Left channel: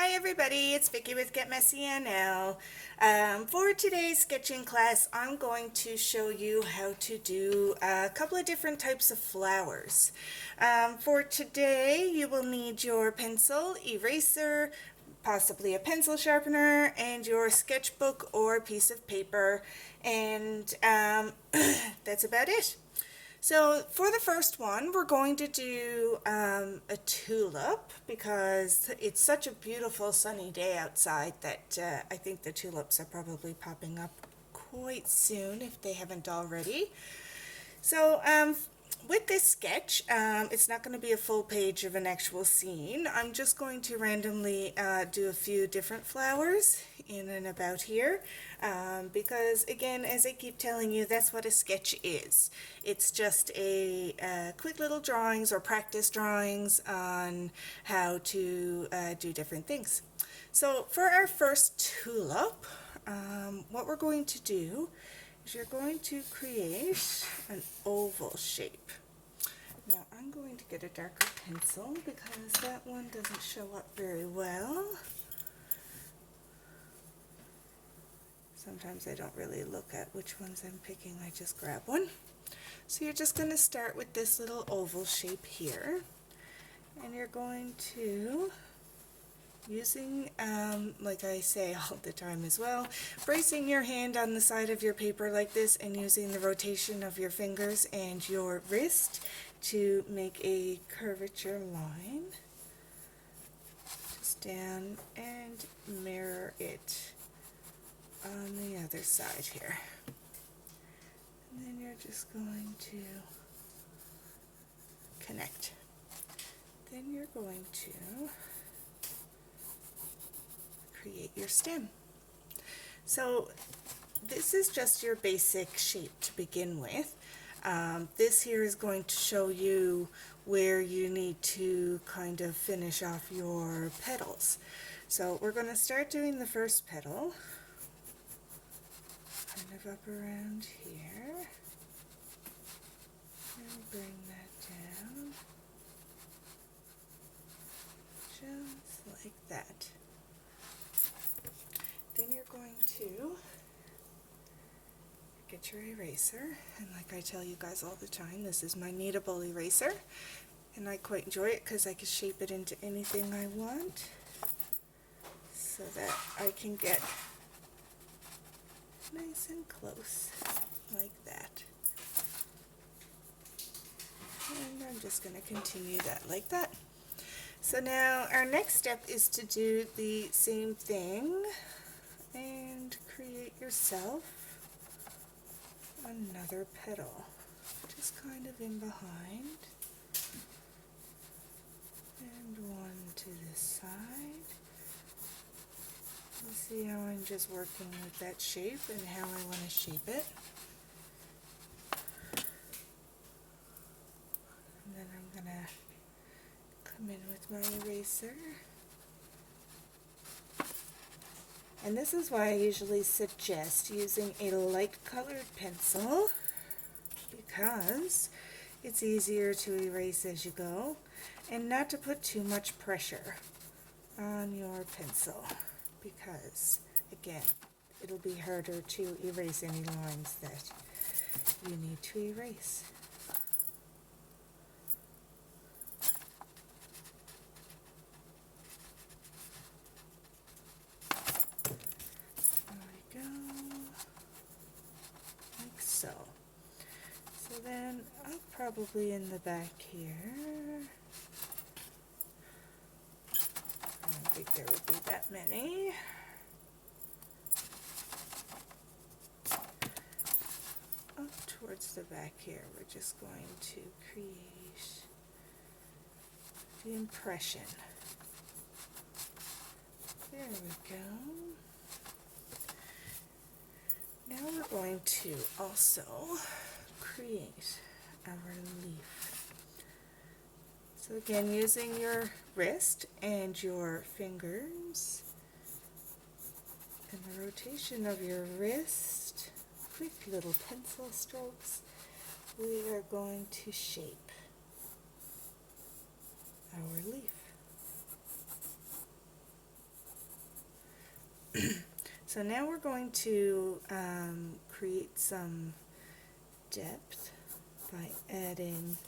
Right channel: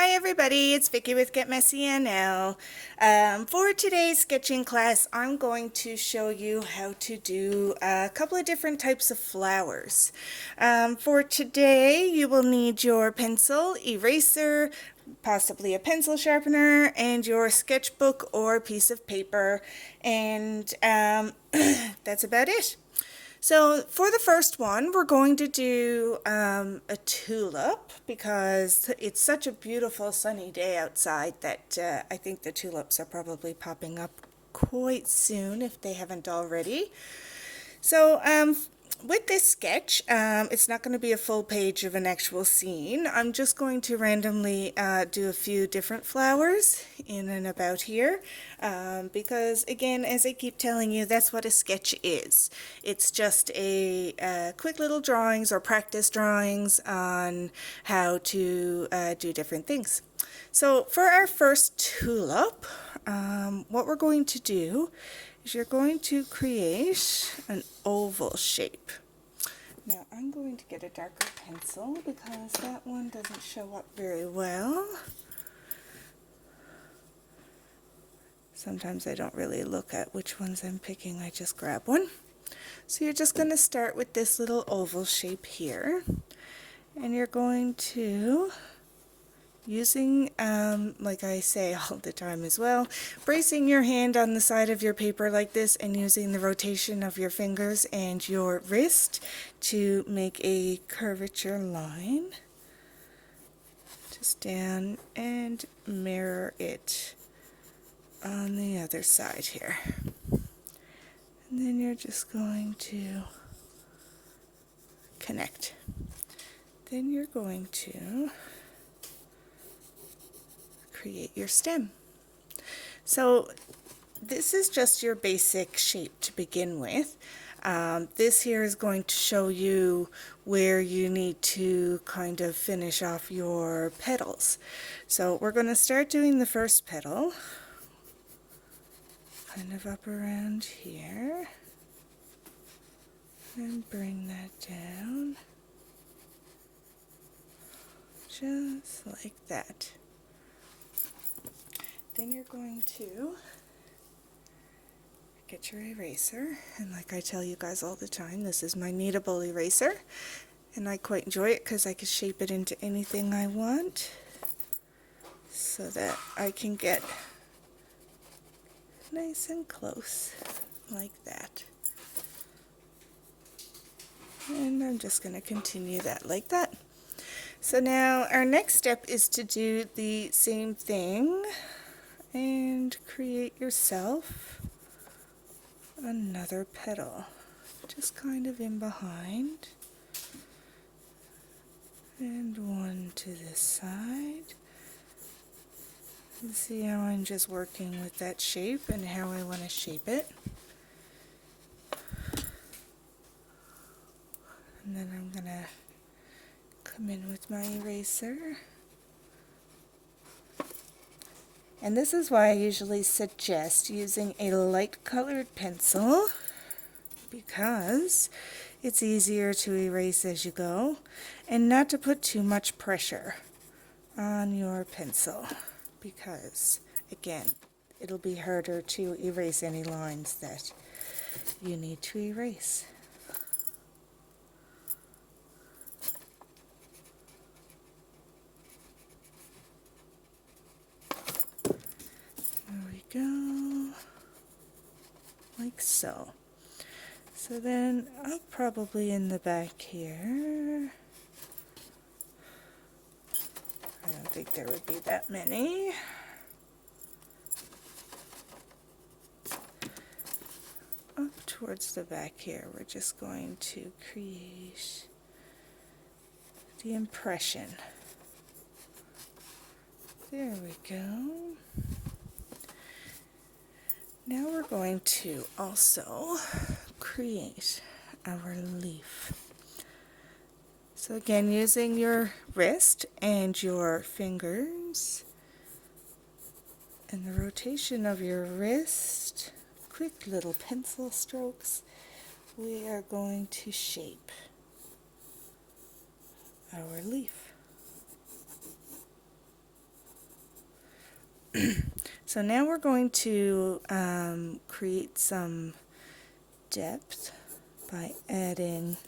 Hi everybody, it's Vicky with Get Messy NL. For today's sketching class, I'm going to show you how to do a couple of different types of flowers. For today, you will need your pencil, eraser, possibly a pencil sharpener, and your sketchbook or piece of paper, and that's about it. So for the first one, we're going to do a tulip because it's such a beautiful sunny day outside that I think the tulips are probably popping up quite soon if they haven't already. So with this sketch, it's not going to be a full page of an actual scene. I'm just going to randomly do a few different flowers in and about here because, again, as I keep telling you, that's what a sketch is. It's just a quick little drawings or practice drawings on how to do different things. So for our first tulip, what we're going to do is you're going to create an oval shape. Now I'm going to get a darker pencil because that one doesn't show up very well. Sometimes I don't really look at which ones I'm picking, I just grab one. So you're just going to start with this little oval shape here, and you're going to, using, like I say all the time as well, bracing your hand on the side of your paper like this and using the rotation of your fingers and your wrist to make a curvature line. Just down and mirror it on the other side here. And then you're just going to connect. Then you're going to create your stem. So this is just your basic shape to begin with. This here is going to show you where you need to kind of finish off your petals. So we're going to start doing the first petal, kind of up around here, and bring that down, just like that. Then you're going to get your eraser, and like I tell you guys all the time, this is my kneadable eraser, and I quite enjoy it because I can shape it into anything I want so that I can get nice and close like that. And I'm just going to continue that like that. So now our next step is to do the same thing and create yourself another petal, just kind of in behind, and one to this side. You see how I'm just working with that shape and how I want to shape it. And then I'm going to come in with my eraser. And this is why I usually suggest using a light colored pencil, because it's easier to erase as you go, and not to put too much pressure on your pencil, because again, it'll be harder to erase any lines that you need to erase. There we go, like so. So then I'll probably in the back here, I don't think there would be that many. Up towards the back here, we're just going to create the impression. There we go. Now we're going to also create our leaf. So again, using your wrist and your fingers and the rotation of your wrist, quick little pencil strokes, we are going to shape our leaf. So now we're going to create some depth by adding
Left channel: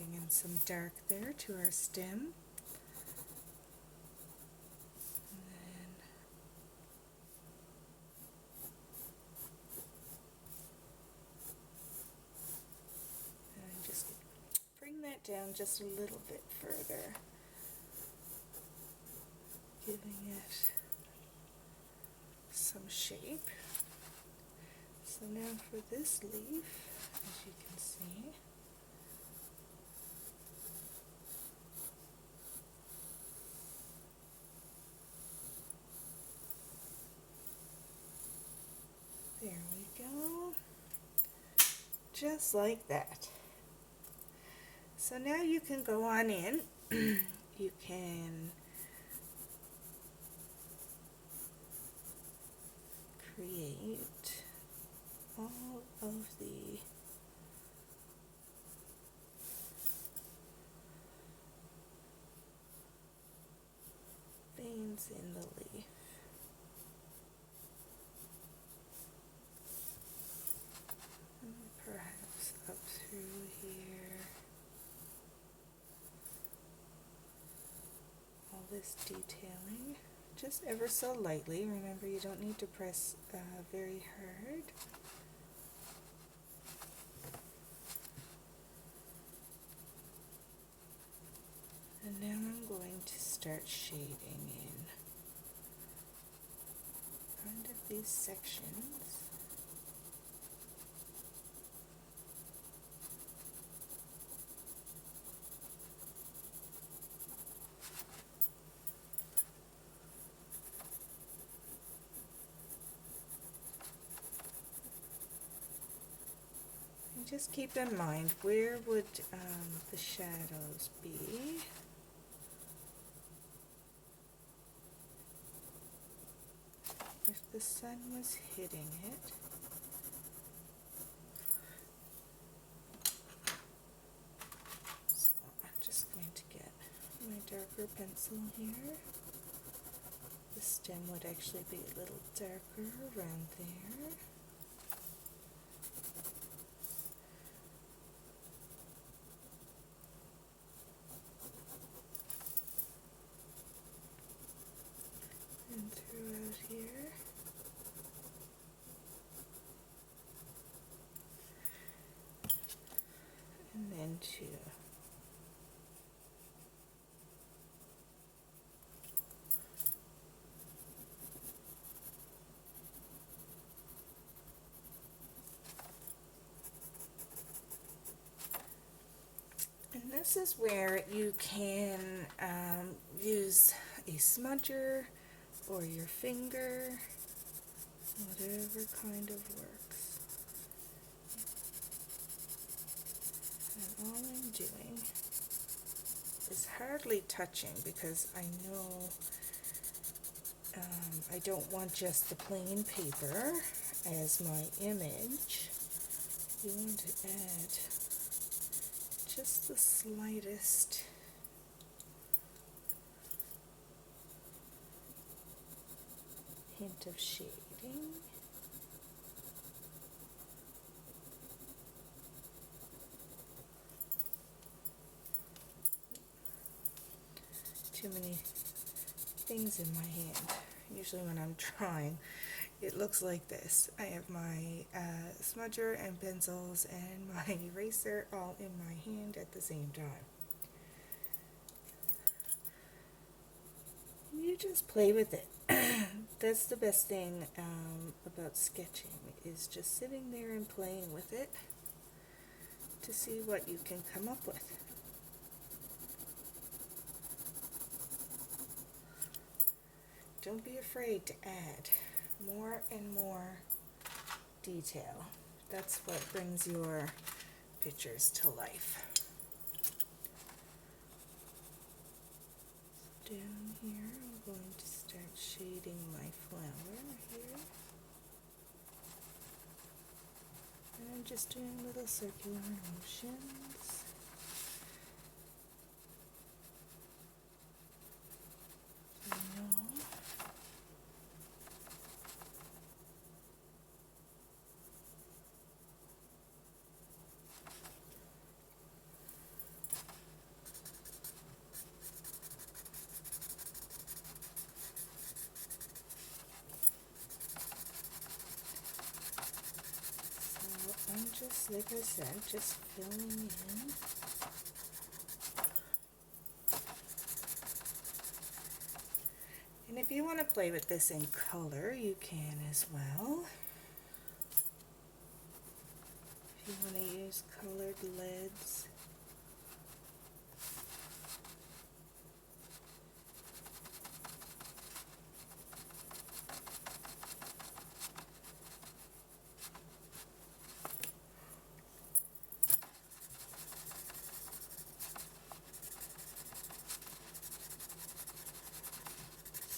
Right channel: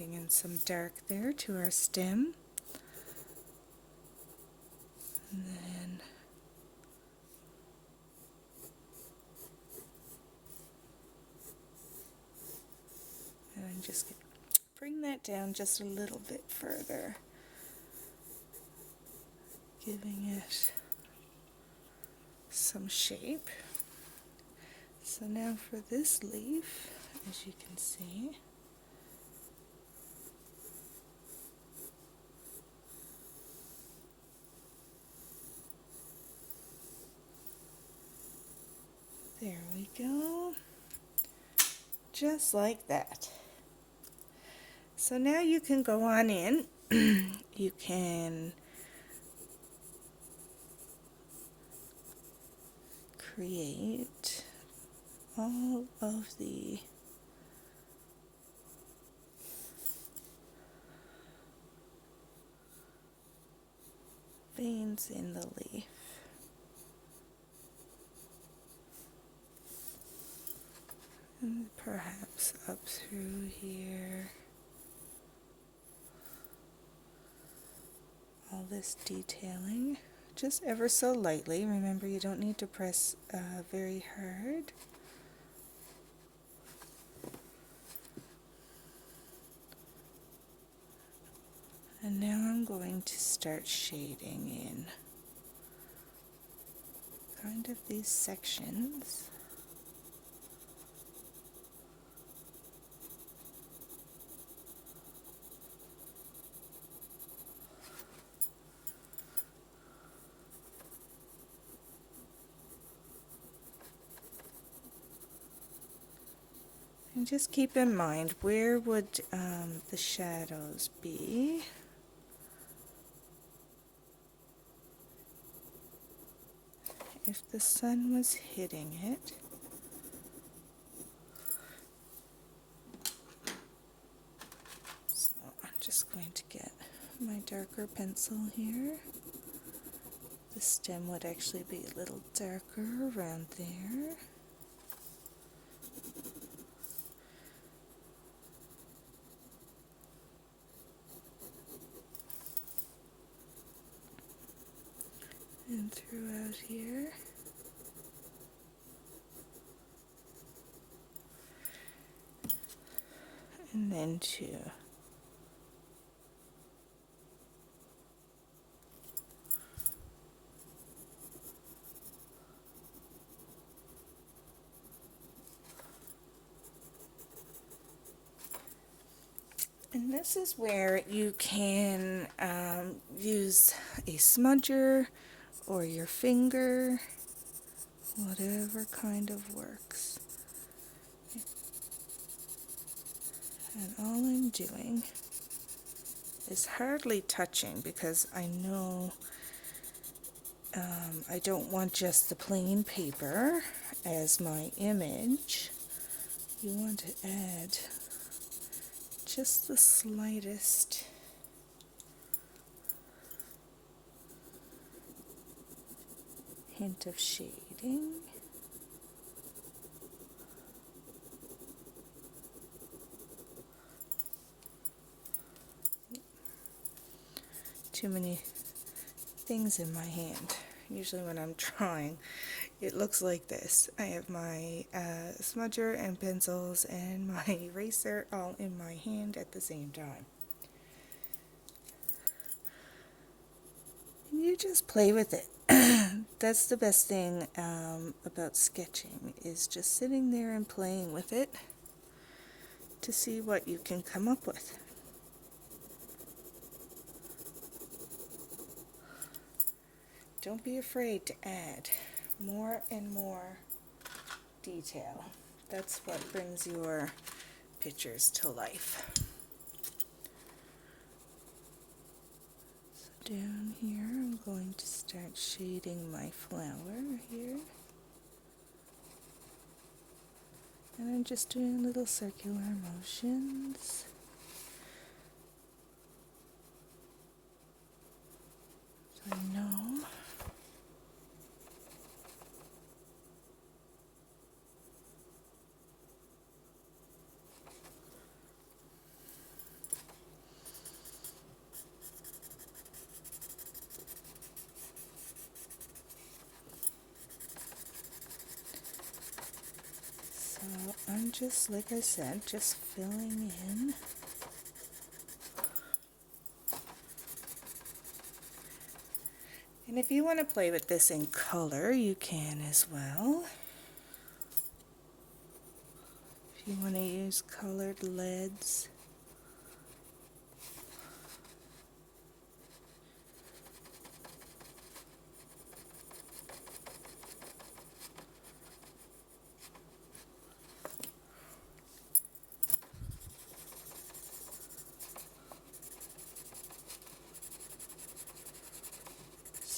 in some dark there to our stem. And then just bring that down just a little bit further, giving it some shape. So now for this leaf, as you can see, there we go, just like that. So now you can go on in, you can create all of the veins in the leaf. And perhaps up through here. All this detailing, just ever so lightly. Remember, you don't need to press very hard. And now I'm going to start shading in kind of these sections. And just keep in mind, where would the shadows be? If the sun was hitting it. So I'm just going to get my darker pencil here. The stem would actually be a little darker around there. And throughout here. And then two. And this is where you can use a smudger or your finger, whatever kind of works. And all I'm doing is hardly touching, because I know I don't want just the plain paper as my image. You want to add just the slightest hint of shading. Too many things in my hand. Usually when I'm drawing, it looks like this. I have my smudger and pencils and my eraser all in my hand at the same time. You just play with it. That's the best thing about sketching, is just sitting there and playing with it to see what you can come up with. Don't be afraid to add more and more detail. That's what brings your pictures to life. So down here, I'm going to start shading my flower here. And I'm I'm just doing little circular motions. So I know. So I'm just, like I said, just filling in. And if you want to play with this in color, you can as well. If you want to use colored leads.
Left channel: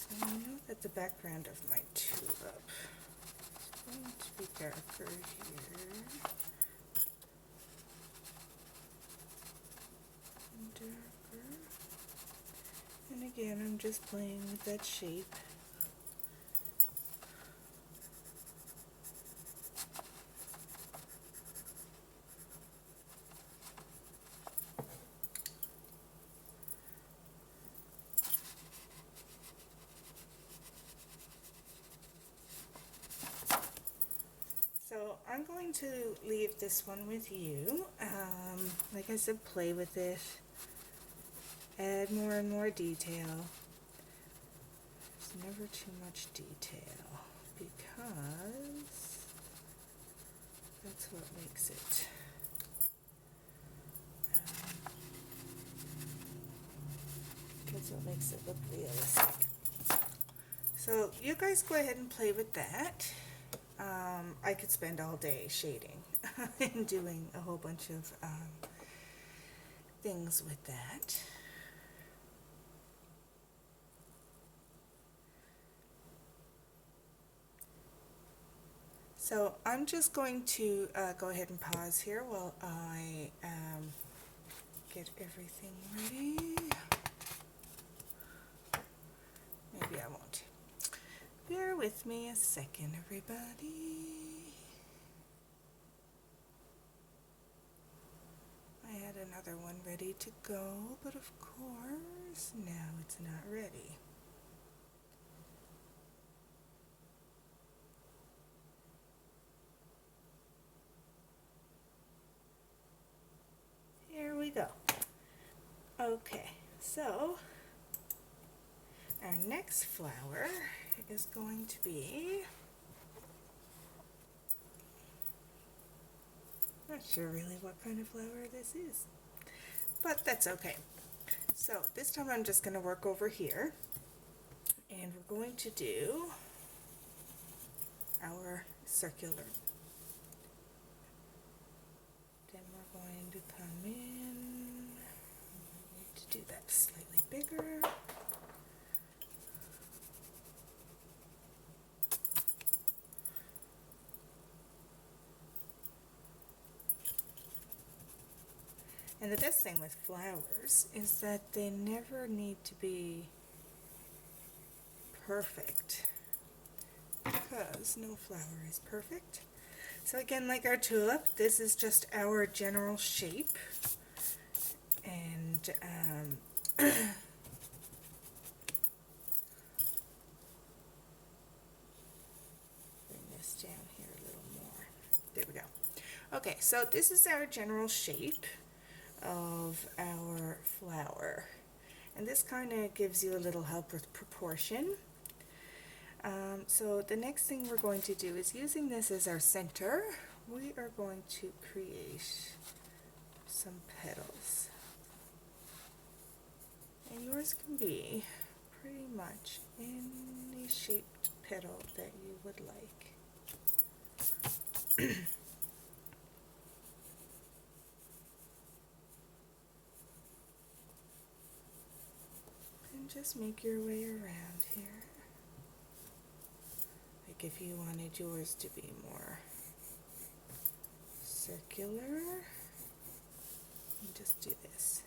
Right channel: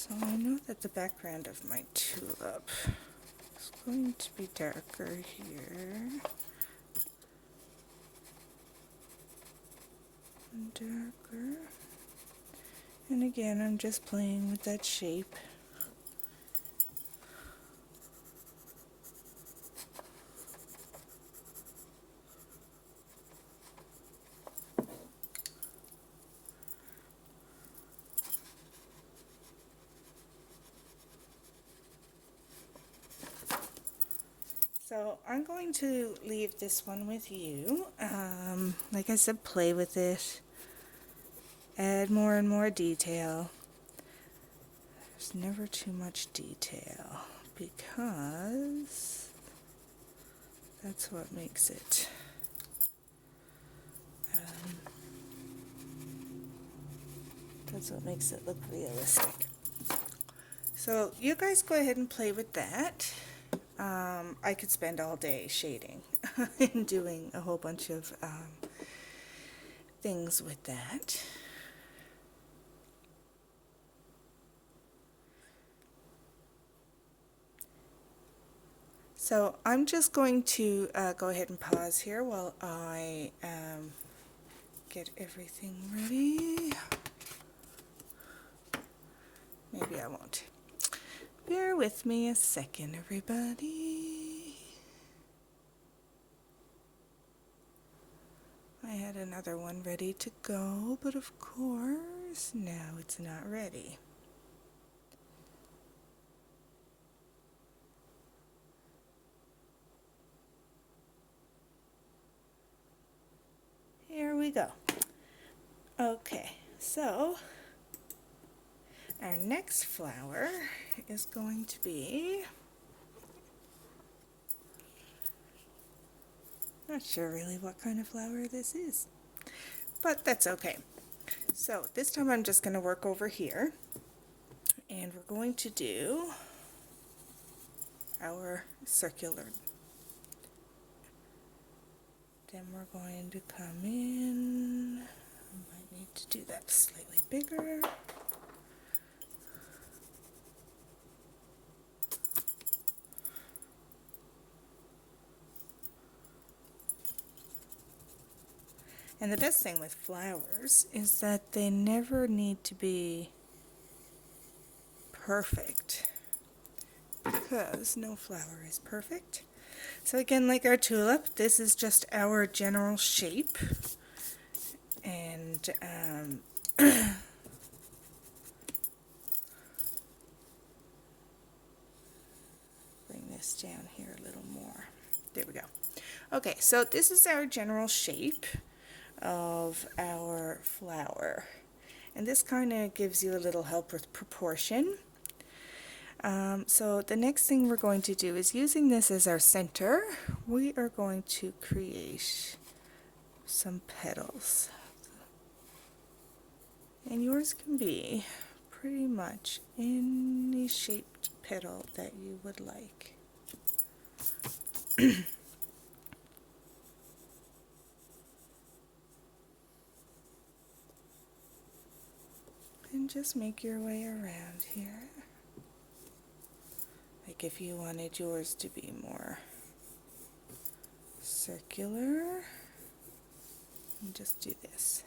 So I know that the background of my tulip is going to be darker here. And darker. And again, I'm just playing with that shape. So I'm going to leave this one with you. Like I said, play with it. Add more and more detail. There's never too much detail because that's what makes it look realistic. So you guys go ahead and play with that. I could spend all day shading and doing a whole bunch of things with that. So I'm just going to go ahead and pause here while I get everything ready. Maybe I won't. Bear with me a second, everybody. I had another one ready to go, but of course, now it's not ready. Here we go. Okay, so our next flower is going to be, not sure really what kind of flower this is, but that's okay. So this time I'm just going to work over here, and we're going to do our circular. Then we're going to come in. I might need to do that slightly bigger. And the best thing with flowers is that they never need to be perfect, because no flower is perfect. So again, like our tulip, this is just our general shape. And bring this down here a little more. There we go. Okay, so this is our general shape of our flower. And this kind of gives you a little help with proportion. So the next thing we're going to do is, using this as our center, we are going to create some petals. And yours can be pretty much any shaped petal that you would like. And just make your way around here. Like if you wanted yours to be more circular and just do this.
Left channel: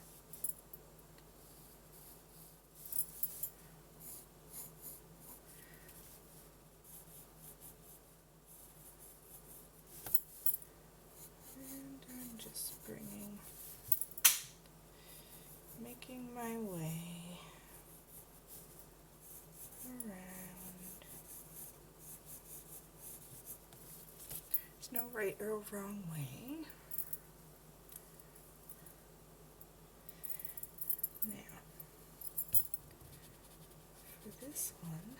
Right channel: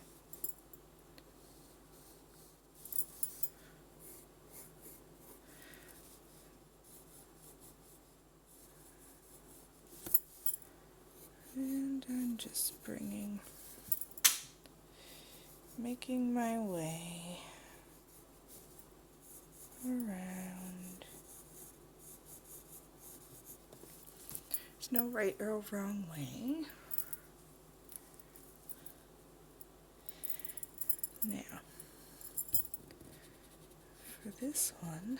And I'm just making my way around. There's no right or wrong way. Now, for this one,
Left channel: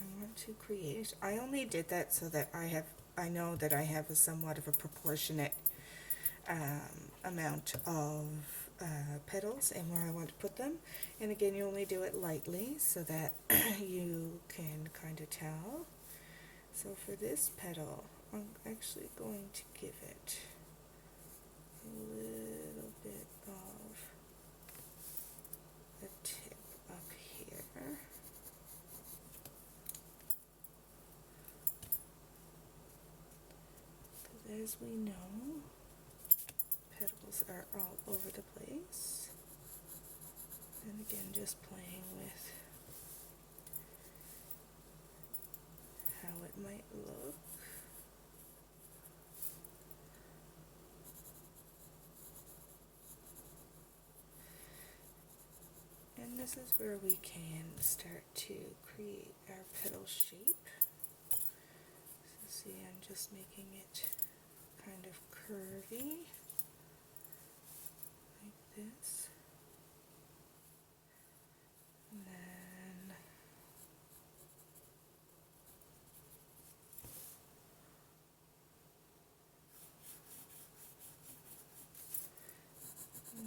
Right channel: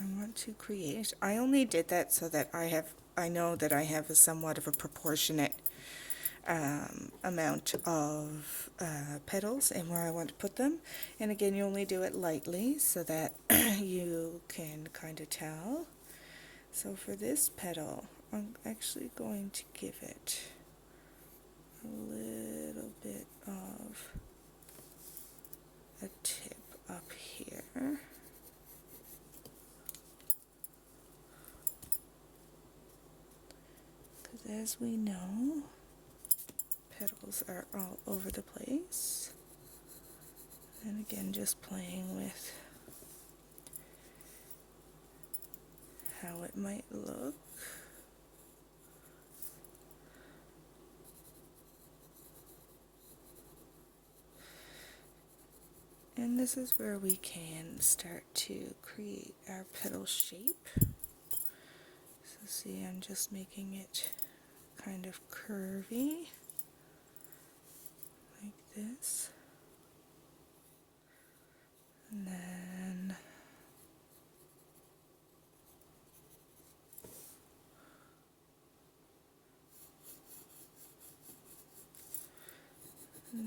I want to create, I only did that so that I know that I have a somewhat of a proportionate amount of petals and where I want to put them. And again, you only do it lightly so that you can kind of tell. So for this petal, I'm actually going to give it a little bit of a tip up here. Because as we know, petals are all over the place. And again, just playing with how it might look. And this is where we can start to create our petal shape. So see, I'm just making it kind of curvy, like this. And then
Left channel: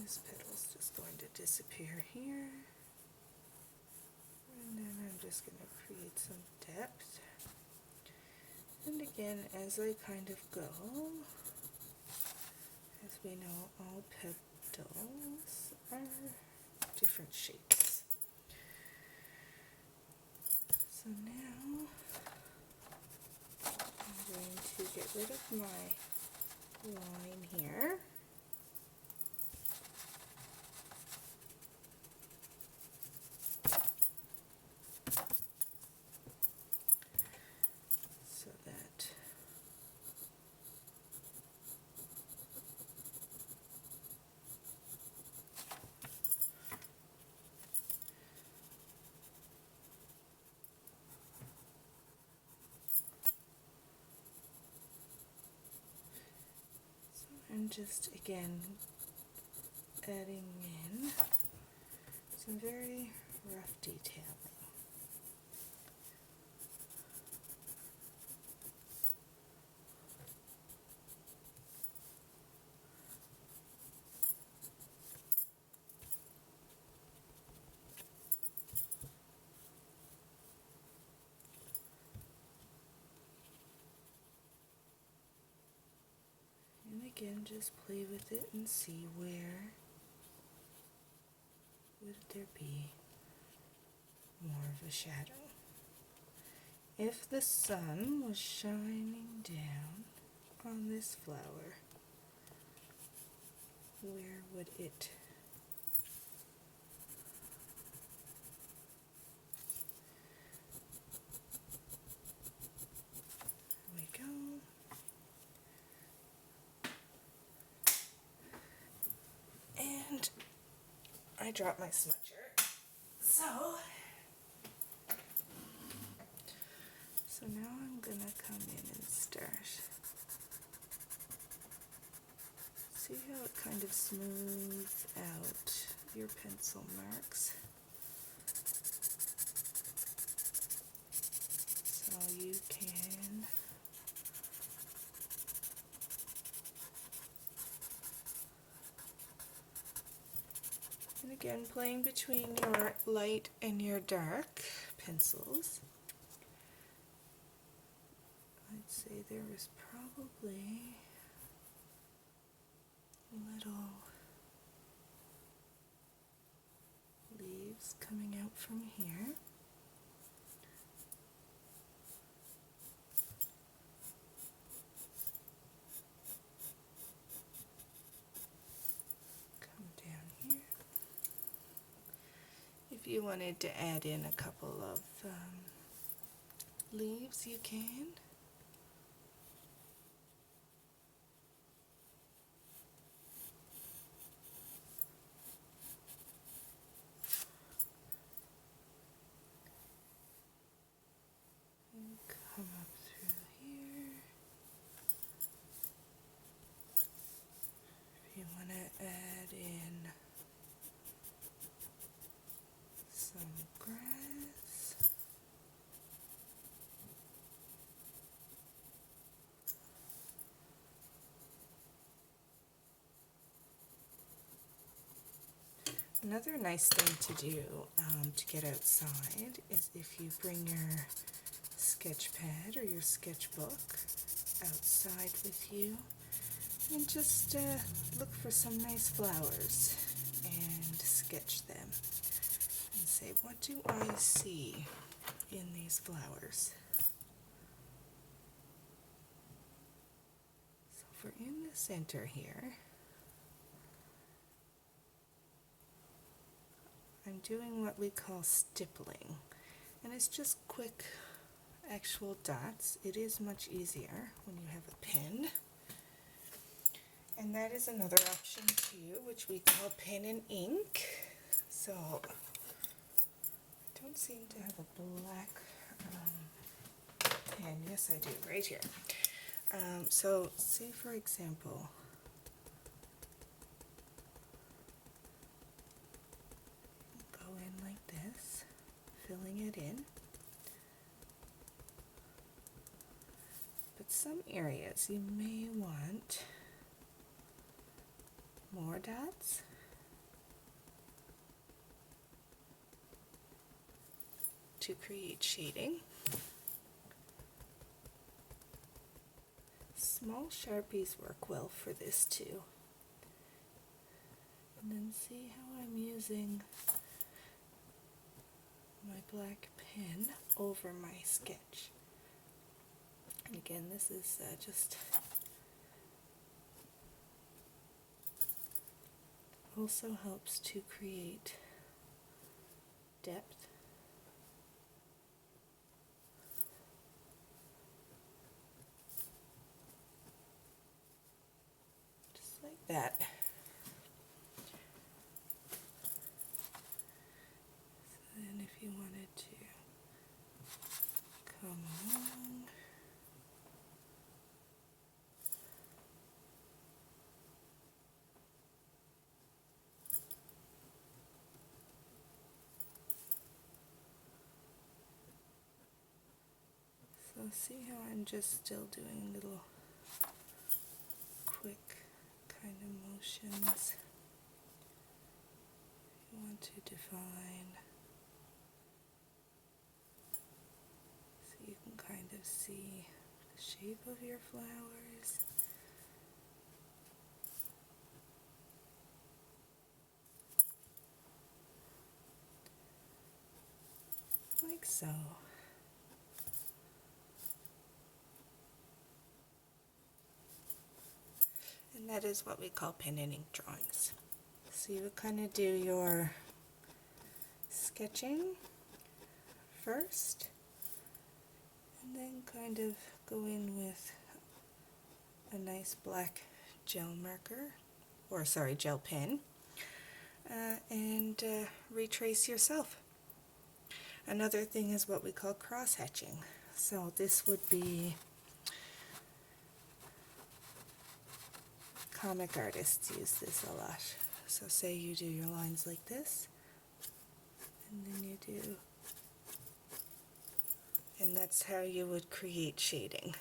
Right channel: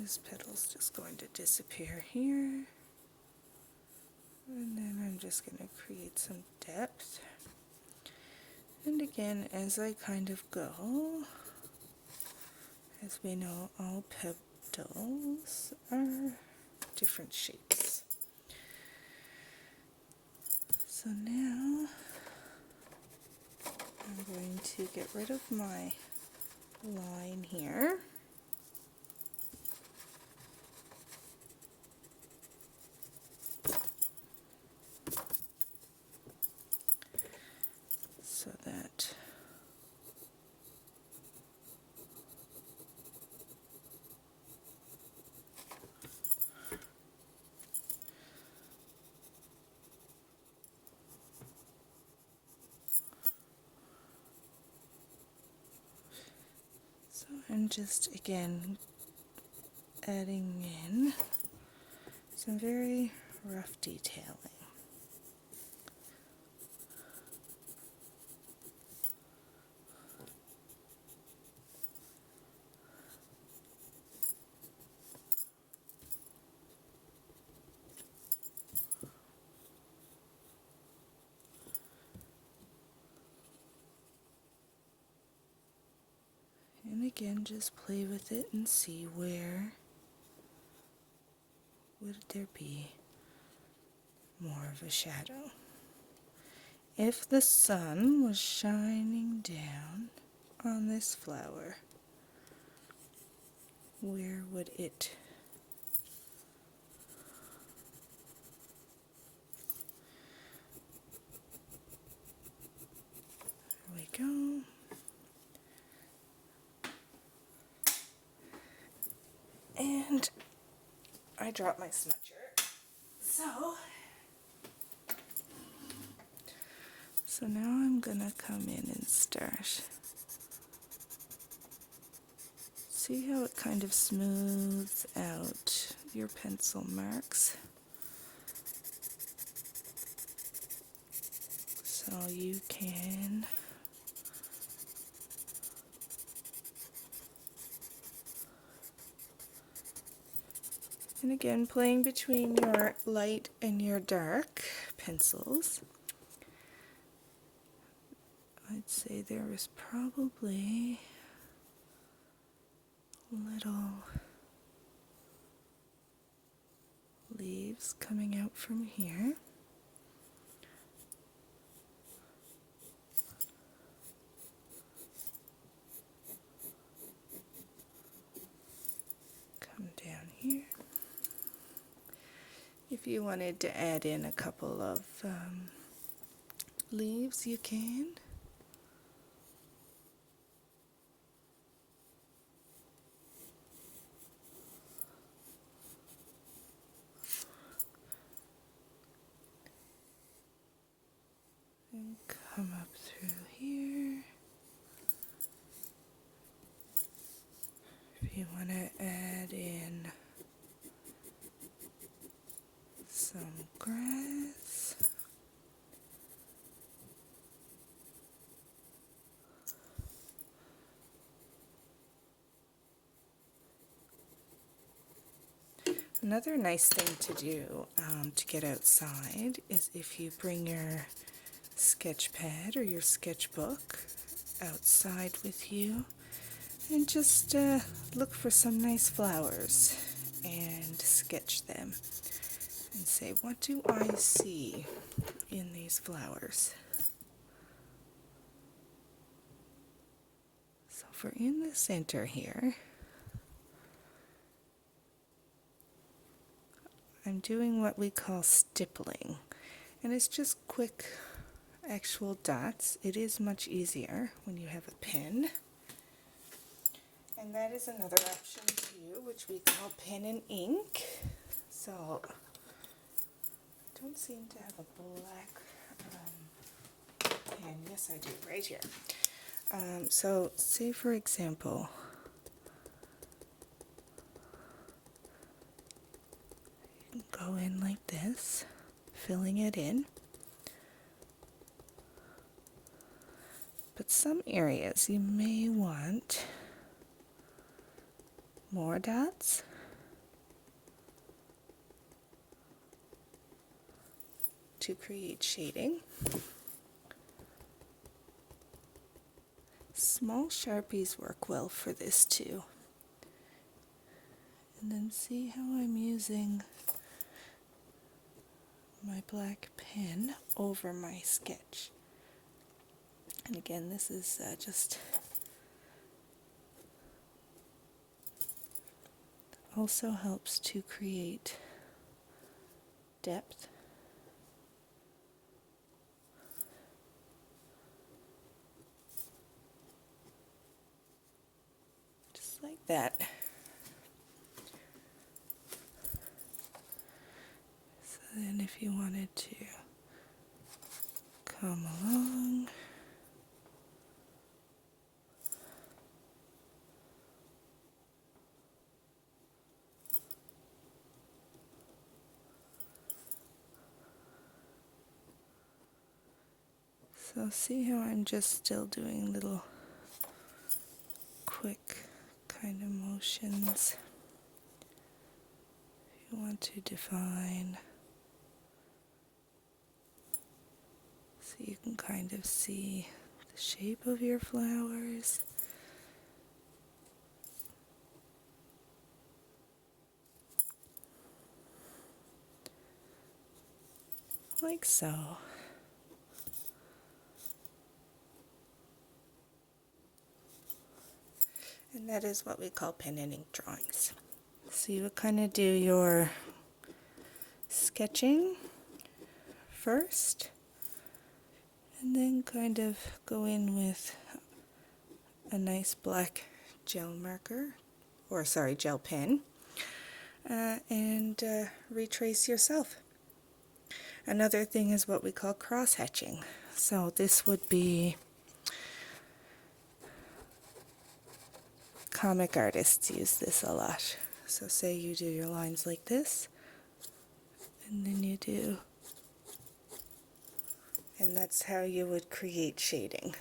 this petal's just going to disappear here. And then I'm just going to create some depth. And again, as I kind of go, as we know, all petals are different shapes. So now I'm going to get rid of my line here. So that I'm just again adding in some very rough detailing. And again, just play with it and see where would there be more of a shadow. If the sun was shining down on this flower, where would it there we go. And I dropped my smudger. So now I'm gonna come in and start. See how it kind of smooths out your pencil marks. So you can and again, playing between your light and your dark pencils, I'd say there was probably little leaves coming out from here. you wanted to add in a couple of leaves, you can. And come up through here. If you want to add in some grass. Another nice thing to do to get outside is if you bring your sketch pad or your sketchbook outside with you and just look for some nice flowers and sketch them and say, what do I see in these flowers? So for in the center here, I'm doing what we call stippling, and it's just quick actual dots. It is much easier when you have a pen, and that is another option too, which we call pen and ink. So I don't seem to have a black pen. Yes, I do, right here. So say for example, go in like this, filling it in. But some areas you may want more dots. To create shading. Small Sharpies work well for this too. And then see how I'm using my black pen over my sketch. And again, this is just also helps to create depth. Just like that. So then if you wanted to come along, so see how I'm just still doing little quick kind of motions. If you want to define, so you can kind of see the shape of your flowers. Like so. And that is what we call pen and ink drawings. So you would kind of do your sketching first, and then kind of go in with a nice black gel marker, or sorry, gel pen, and retrace yourself. Another thing is what we call cross-hatching. So this would be comic artists use this a lot. So say you do your lines like this, and then you do, and that's how you would create shading.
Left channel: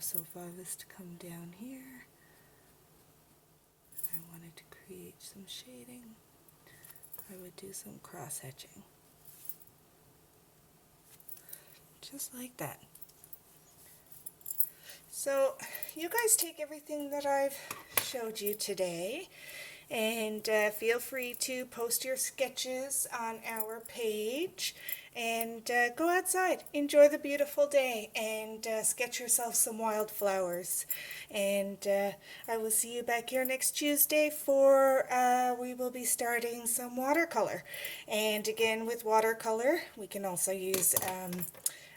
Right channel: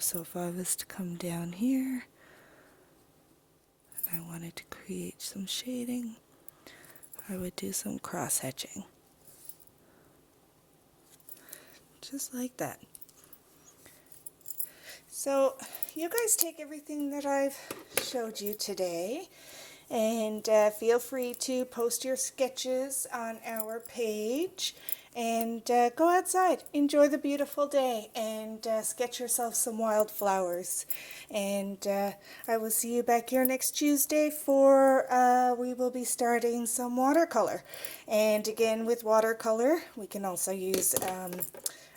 So if I was to come down here and I wanted to create some shading, I would do some cross-hatching. Just like that. So you guys take everything that I've showed you today, and feel free to post your sketches on our page, and go outside, enjoy the beautiful day, and sketch yourself some wildflowers. And I will see you back here next Tuesday for we will be starting some watercolor. And again, with watercolor, we can also use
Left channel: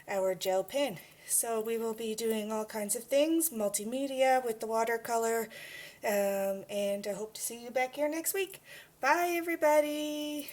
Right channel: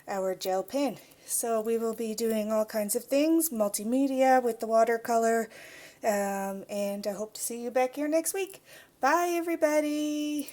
our gel pen. So we will be doing all kinds of things, multimedia with the watercolor, and I hope to see you back here next week. Bye, everybody.